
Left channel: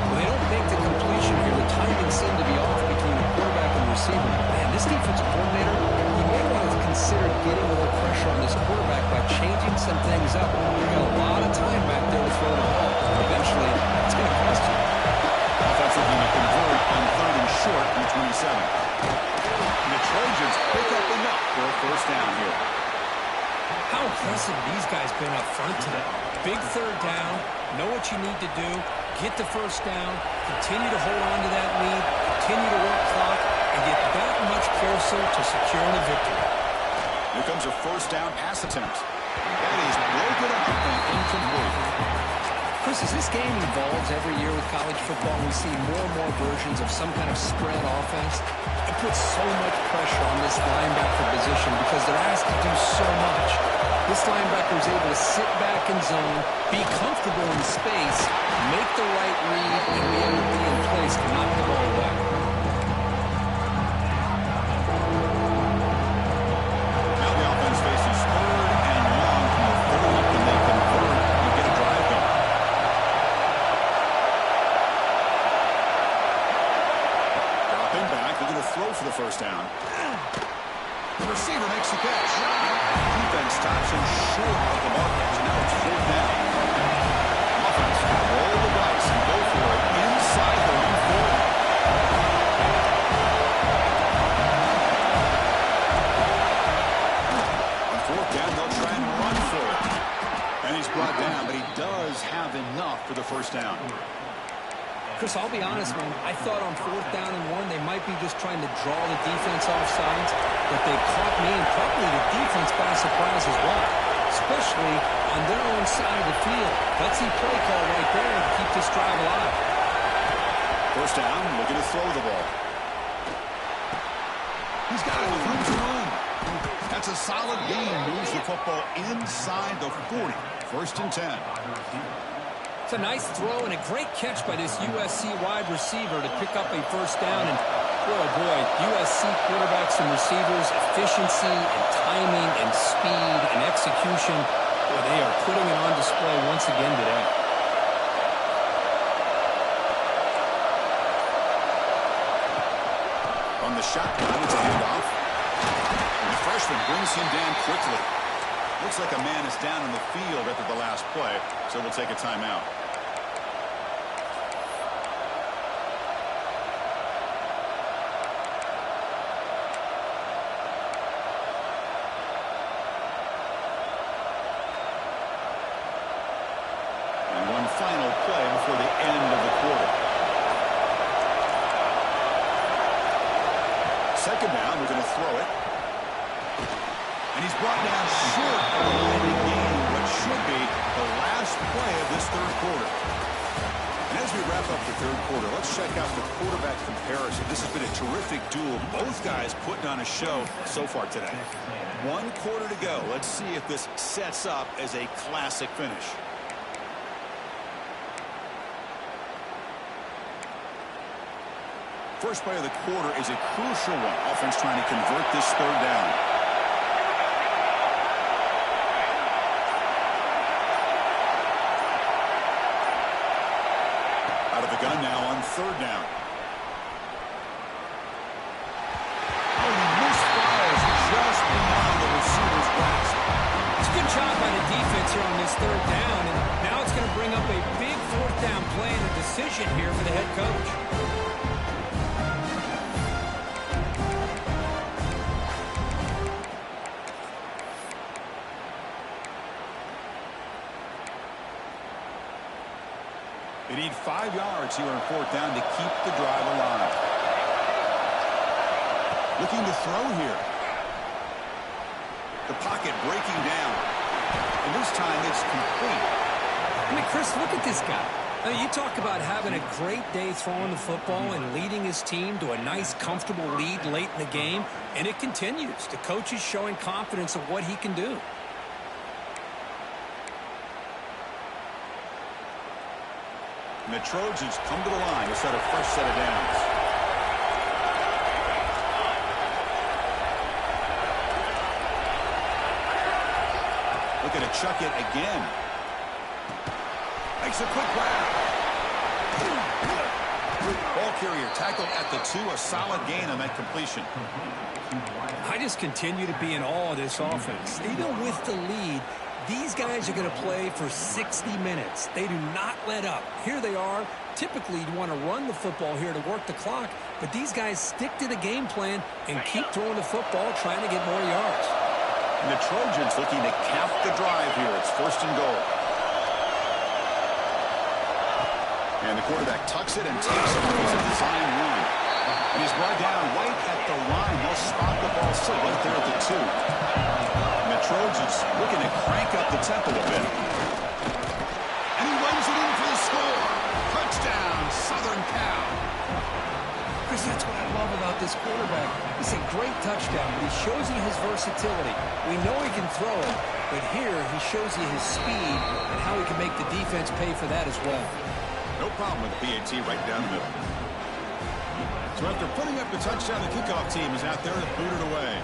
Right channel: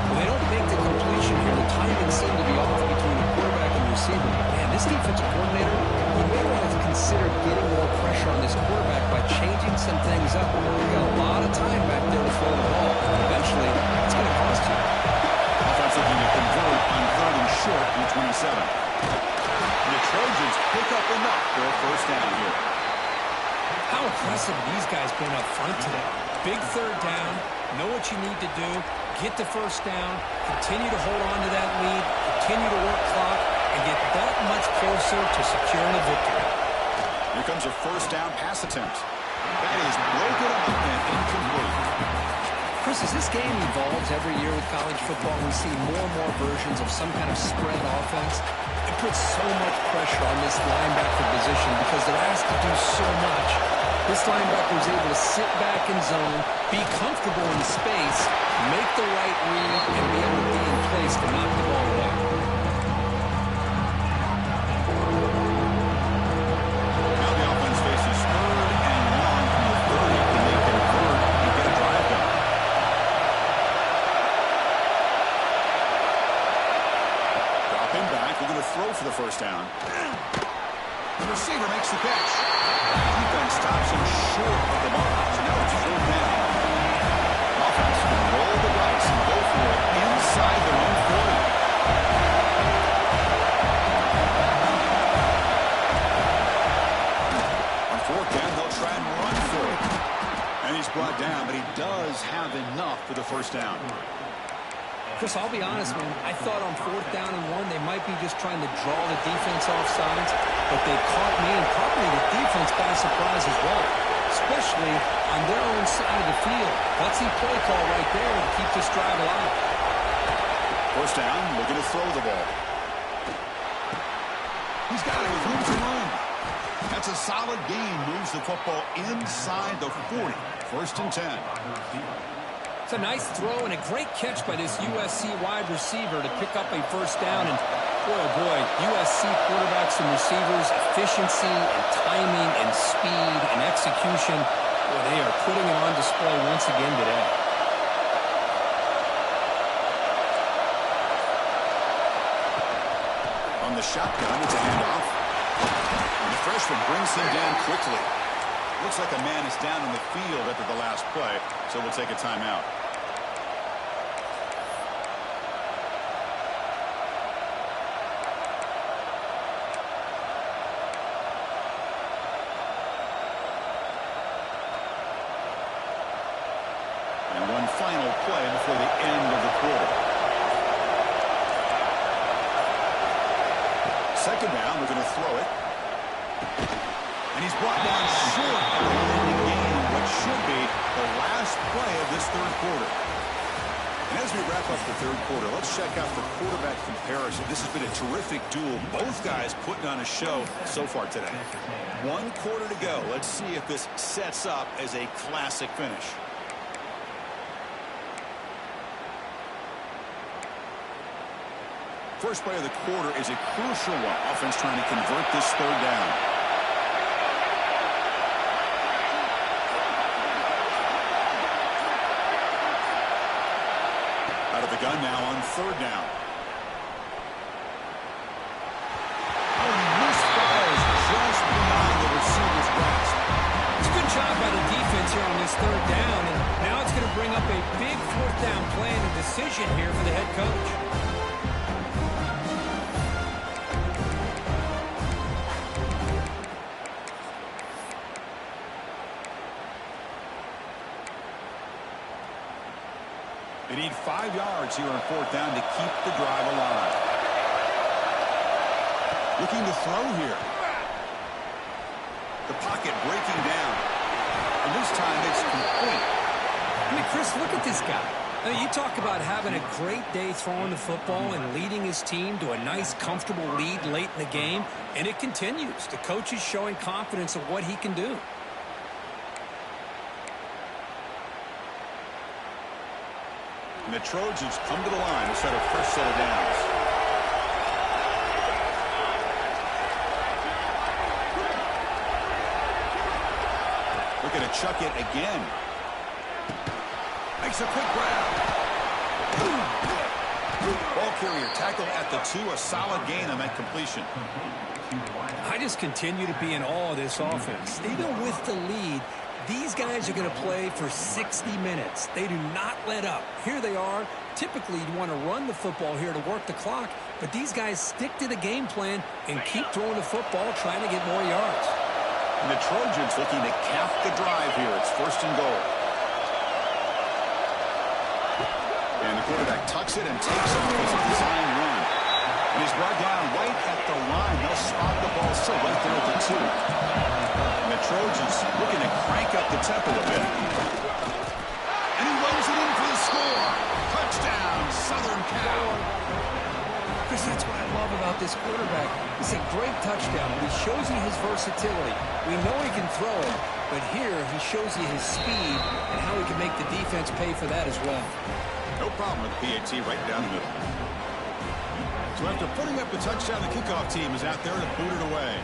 Well, they don't make the completion here. The timing seemed to be off between the quarterback and the receiver. Man, this defensive coordinator, he may want to consider getting more pressure on this quarterback by changing some things up. We've got a lot of time back there to throw the ball. Eventually, it's going to cost you. Offense looking to convert on 3rd and short from 27. And the Trojans pick up enough for a first down here. How impressive have these guys been up front today? Big 3rd down, know what you need to do, get the first down, continue to hold on to that lead, continue to work clock, and get that much closer to securing a victory. Here comes a first down pass attempt. That is broken up and incomplete. Chris, as this game evolves every year with college football, we see more and more versions of some kind of spread offense. It puts so much pressure on this linebacker position because they're asked to do so much. This linebacker is able to sit back in zone, be comfortable in space, make the right read, and be able to be in place to knock the ball away. Now the offense faces 3rd and long from the 30. Can they convert and get a drive going? Dropping back, looking to throw for the first down. The receiver makes the catch. Defense stops him short of the mark, so now it's 4th down. Offense going to roll the dice and go for it inside their own 40. On 4th down, they'll try and run for it. And he's brought down, but he does have enough for the first down. Chris, I'll be honest, man. I thought on 4th down and 1, they might be just trying to draw the defense off sides, but they caught me and probably the defense by surprise as well, especially on their own side of the field. Gutsy play call right there to keep this drive alive. First down, looking to throw the ball. He's got it with room to run. That's a solid gain. Moves the football inside the 40. 1st and 10. It's a nice throw and a great catch by this USC wide receiver to pick up a first down. And boy, oh boy, USC quarterbacks and receivers, efficiency and timing and speed and execution. Boy, they are putting it on display once again today. On the shotgun, it's a handoff. And the freshman brings him down quickly. Looks like a man is down in the field after the last play, so we'll take a timeout. And one final play before the end of the quarter. Second down, they're going to throw it. And he's brought down short of the landing gain in what should be the last play of this third quarter. And as we wrap up the third quarter, let's check out the quarterback comparison. This has been a terrific duel. Both guys putting on a show so far today. 1 quarter to go. Let's see if this sets up as a classic finish. First play of the quarter is a crucial one. Offense trying to convert this third down. Out of the gun now on third down. Oh, he misfires just beyond the receiver's grasp. It's a good job by the defense here on this third down, and now it's going to bring up a big fourth down play and a decision here for the head coach. They need 5 yards here on fourth down to keep the drive alive. Looking to throw here. The pocket breaking down. And this time it's complete. I mean, Chris, look at this guy. I mean, you talk about having a great day throwing the football and leading his team to a nice, comfortable lead late in the game, and it continues. The coach is showing confidence of what he can do. And the Trojans come to the line to start a fresh set of downs. Looking to chuck it again. Makes a quick grab. Ball carrier tackled at the 2. A solid gain on that completion. I just continue to be in awe of this offense. Even with the lead, these guys are going to play for 60 minutes. They do not let up. Here they are. Typically, you want to run the football here to work the clock, but these guys stick to the game plan and keep throwing the football, trying to get more yards. And the Trojans looking to cap the drive here. It's first and goal. And the quarterback tucks it and takes off as a design run. And he's brought down right at the line. They'll spot the ball still right there at the 2. And the Trojans looking to crank up the tempo a bit. And he runs it in for the score. Touchdown, Southern Cal. Chris, that's what I love about this quarterback. It's a great touchdown, but he shows you his versatility. We know he can throw it, but here he shows you his speed and how he can make the defense pay for that as well. No problem with the PAT right down the middle. So after putting up the touchdown, the kickoff team is out there to boot it away.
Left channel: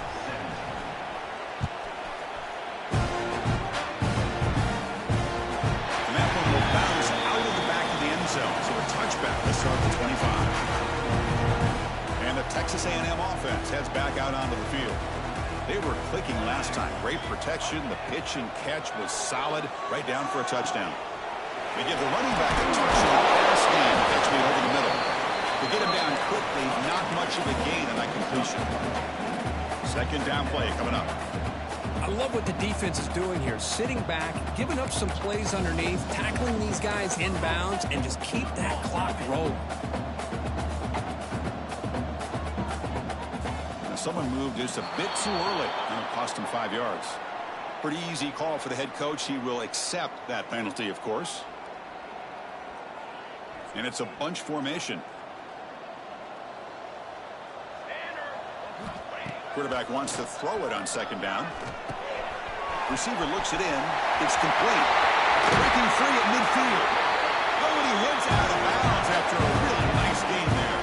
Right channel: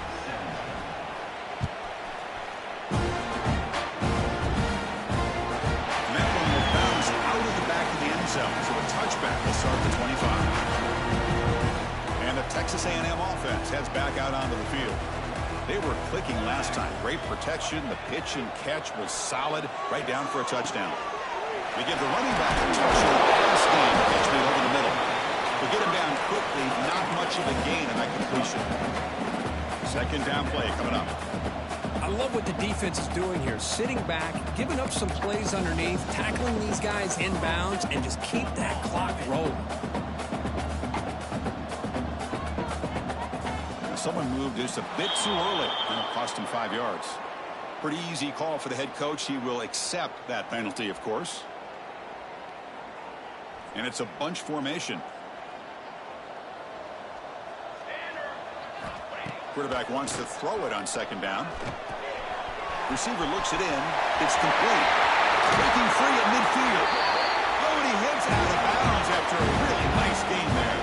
And that one will bounce out of the back of the end zone. So a touchback will start the 25. And the Texas A&M offense heads back out onto the field. They were clicking last time. Great protection. The pitch and catch was solid. Right down for a touchdown. They give the running back a touch in the pass game. Catch me over the middle. They get him down quickly. Not much of a gain on that completion. Second down play coming up. I love what the defense is doing here. Sitting back, giving up some plays underneath, tackling these guys inbounds, and just keep that clock rolling. Someone moved just a bit too early, and it cost him 5 yards. Pretty easy call for the head coach. He will accept that penalty, of course. And it's a bunch formation. Quarterback wants to throw it on second down. Receiver looks it in. It's complete. Breaking free at midfield. Oh, and he heads out of bounds after a really nice gain there.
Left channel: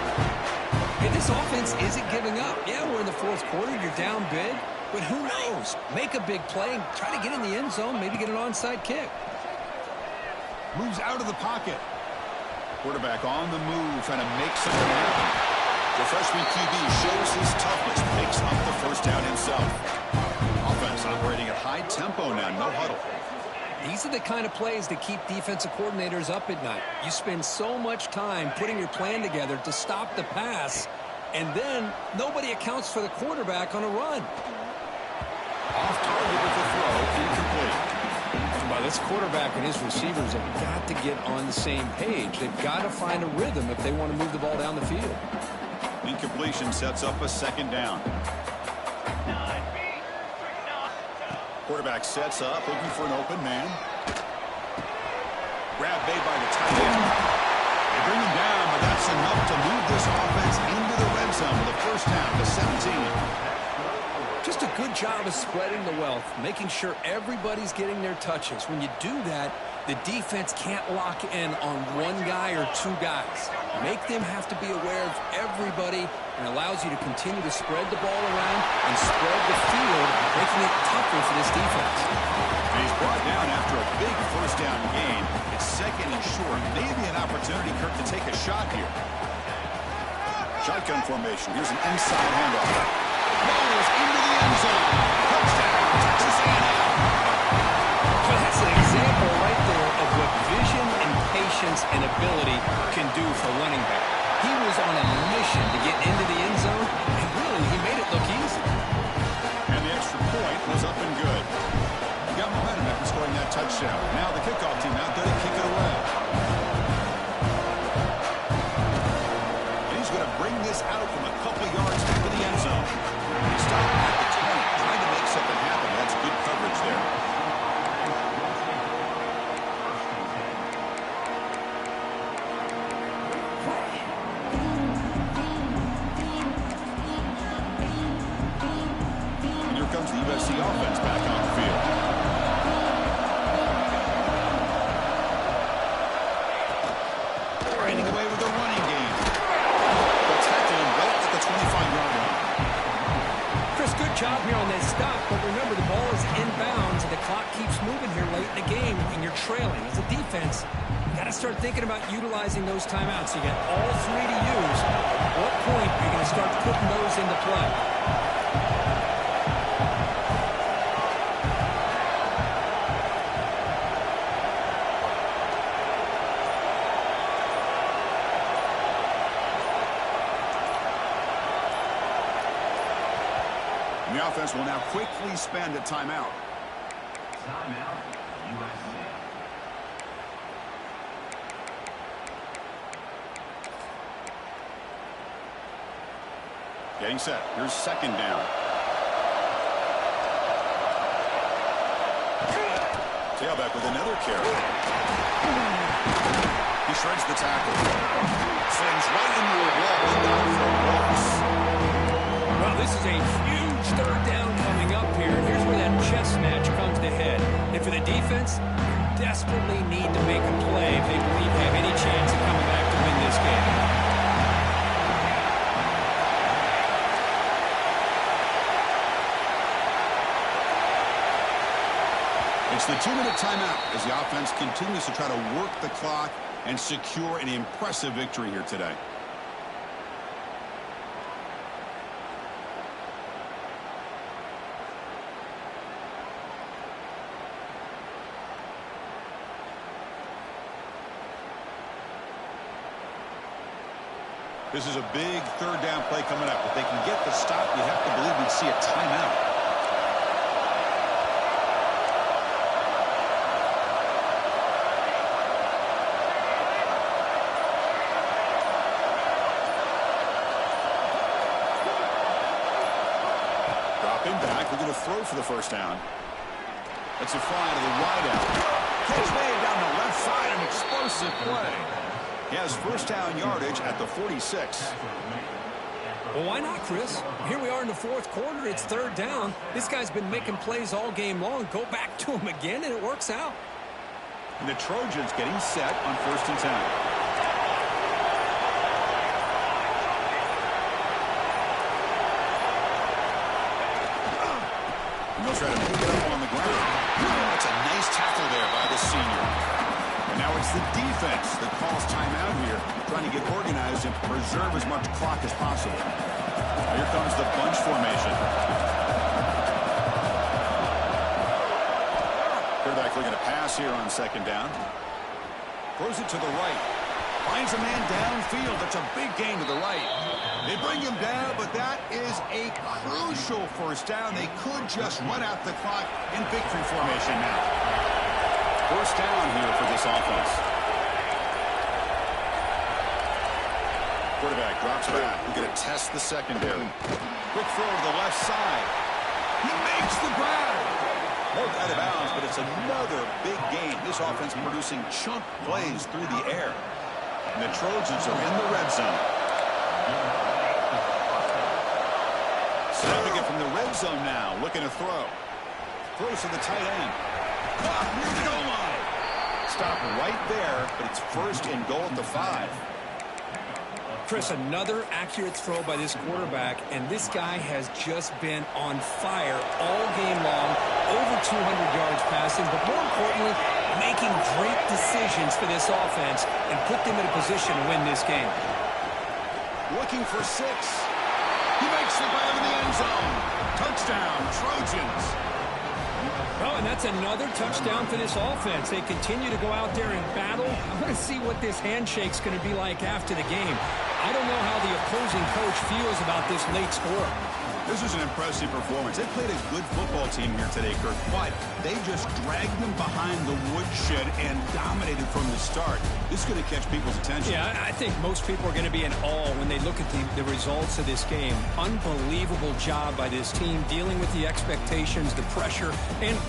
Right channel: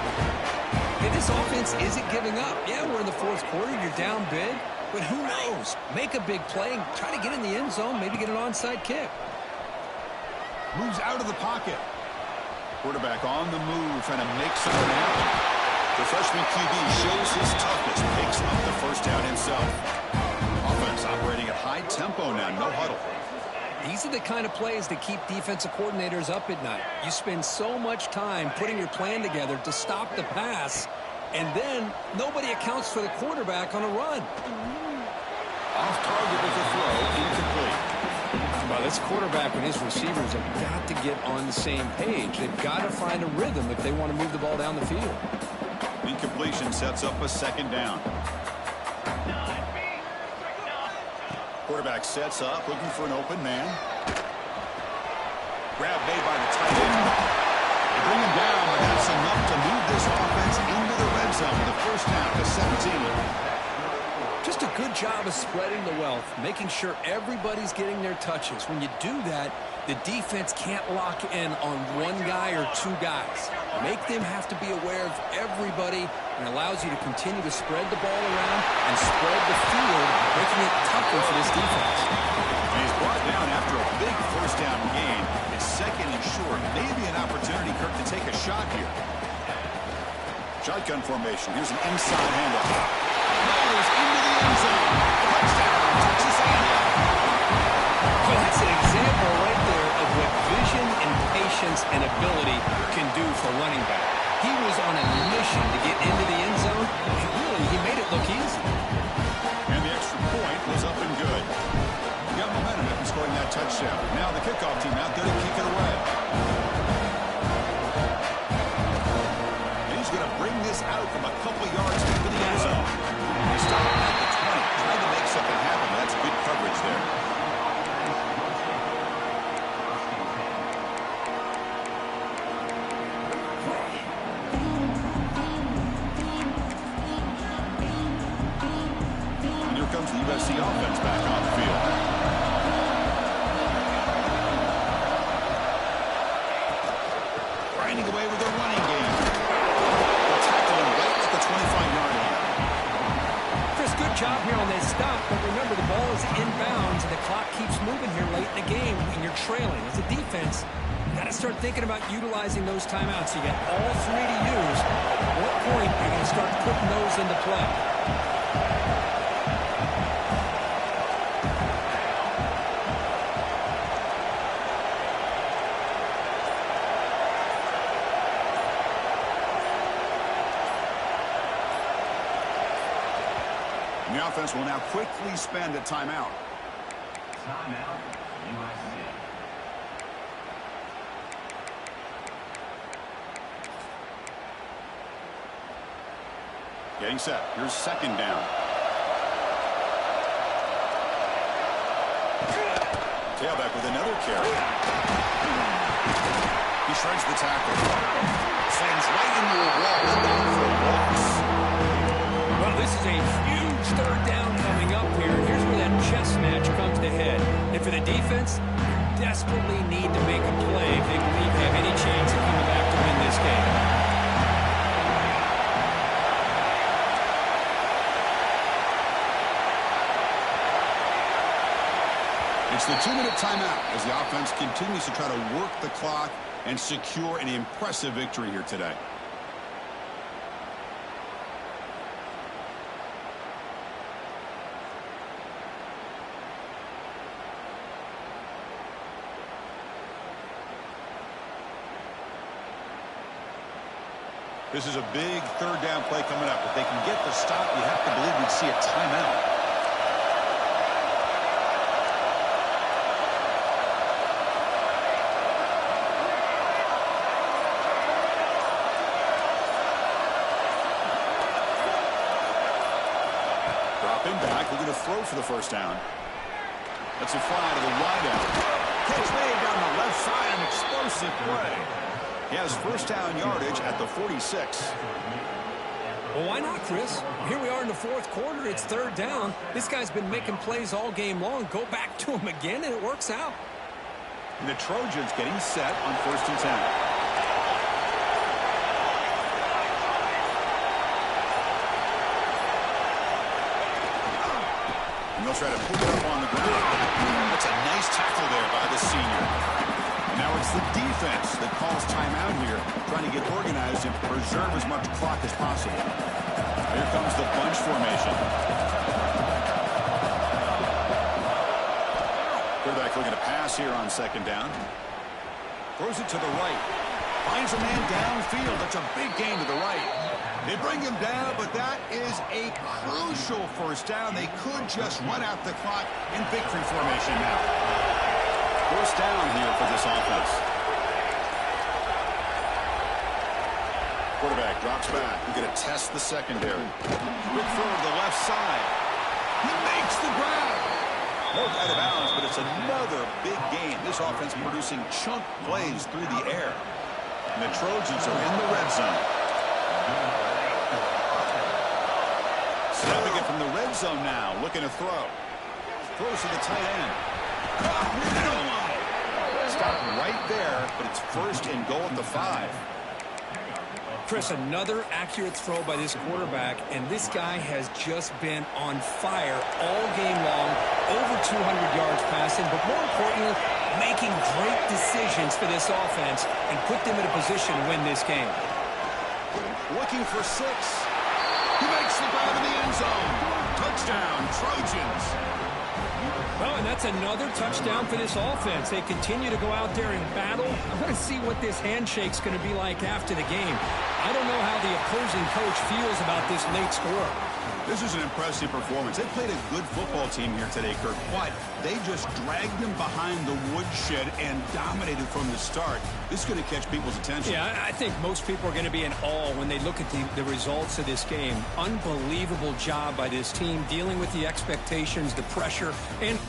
Hey, this offense isn't giving up. Yeah, we're in the fourth quarter. You're down big. But who knows? Make a big play. Try to get in the end zone. Maybe get an onside kick. Moves out of the pocket. Quarterback on the move, trying to make something happen. The freshman QB shows his toughness. Picks up the the first down himself. Offense operating at high tempo now, no huddle. These are the kind of plays that keep defensive coordinators up at night. You spend so much time putting your plan together to stop the pass, and then nobody accounts for the quarterback on a run. Off target with the throw, incomplete. Well, this quarterback and his receivers have got to get on the same page. They've got to find a rhythm if they want to move the ball down the field. Incompletion sets up a second down. Quarterback sets up, looking for an open man. Grab made by the tight end. They bring him down, but that's enough to move this offense into the red zone with a first down to 17. Just a good job of spreading the wealth, making sure everybody's getting their touches. When you do that, the defense can't lock in on one guy or two guys. Make them have to be aware of everybody, and allows you to continue to spread the ball around and spread the field, making it tougher for this defense. And he's brought down after a big first down gain. It's second and short. Maybe an opportunity, Kirk, to take a shot here. Shotgun formation. Here's an inside handoff. Rolls into the end zone. Touchdown, Texas A&M. Well, that's an example right there of what vision and patience and ability can do for running back. He was on a mission to get into the end zone, and really, he made it look easy. And the extra point was up and good. He got momentum after scoring that touchdown. Now the kickoff team out there to kick it away. And he's going to bring this out from a couple yards into the end zone. He stopped at the 20, trying to make something happen, but that's good coverage there. And here comes the USC offense back on the field. Grinding away with a running game. They'll tackle him right at the 25-yard line. Chris, good job here on that stop, but remember, the ball is inbounds, and the clock keeps moving here late in the game, and you're trailing. As a defense, you got to start thinking about utilizing those timeouts. You got all three to use. At what point are you going to start putting those into play? The offense will now quickly spend a timeout. Timeout, USC. Getting set. Here's second down. Tailback with another carry. He shreds the tackle. Slings right into a wall and down for a loss. Well, this is a huge third down coming up here. And here's where that chess match comes to head. And for the defense, desperately need to make a play if they believe they have any chance of coming back to win this game. It's the 2-minute timeout as the offense continues to try to work the clock and secure an impressive victory here today. This is a big third down play coming up. If they can get the stop, you have to believe we'd see a timeout. Dropping back, we're going to throw for the first down. That's a fly to the wideout. Catch made down the left side, an explosive play. He has first down yardage at the 46. Well, why not, Chris? Here we are in the fourth quarter. It's third down. This guy's been making plays all game long. Go back to him again, and it works out. And the Trojans getting set on first and 10. And they'll try to pick it up on the ground. That's a nice tackle there by the senior. And now it's the defense that calls timeout here, trying to get organized and preserve as much clock as possible. Now here comes the bunch formation. Quarterback looking to pass here on second down. Throws it to the right. Finds a man downfield. That's a big gain to the right. They bring him down, but that is a crucial first down. They could just run out the clock in victory formation now. First down here for this offense. Quarterback drops back. We're going to test the secondary. Quick throw to the left side. He makes the grab. More out of bounds, but it's another big game. This offense producing chunk plays through the air. And the Trojans are in the red zone. Snapping it from the red zone now. Looking to throw. Throws to the tight end. Caught near the goal line. Stop right there, but it's first and goal at the 5. Chris, another accurate throw by this quarterback, and this guy has just been on fire all game long, over 200 yards passing, but more importantly, making great decisions for this offense and put them in a position to win this game. Looking for 6. He makes the grab in the end zone. Touchdown, Trojans. Well, and that's another touchdown for this offense. They continue to go out there and battle. I want to see what this handshake's going to be like after the game. I don't know how the opposing coach feels about this late score. This is an impressive performance. They played a good football team here today, Kirk, but they just dragged them behind the woodshed and dominated from the start. This is going to catch people's attention. Yeah, I think most people are going to be in awe when they look at the results of this game. Unbelievable job by this team dealing with the expectations, the pressure, and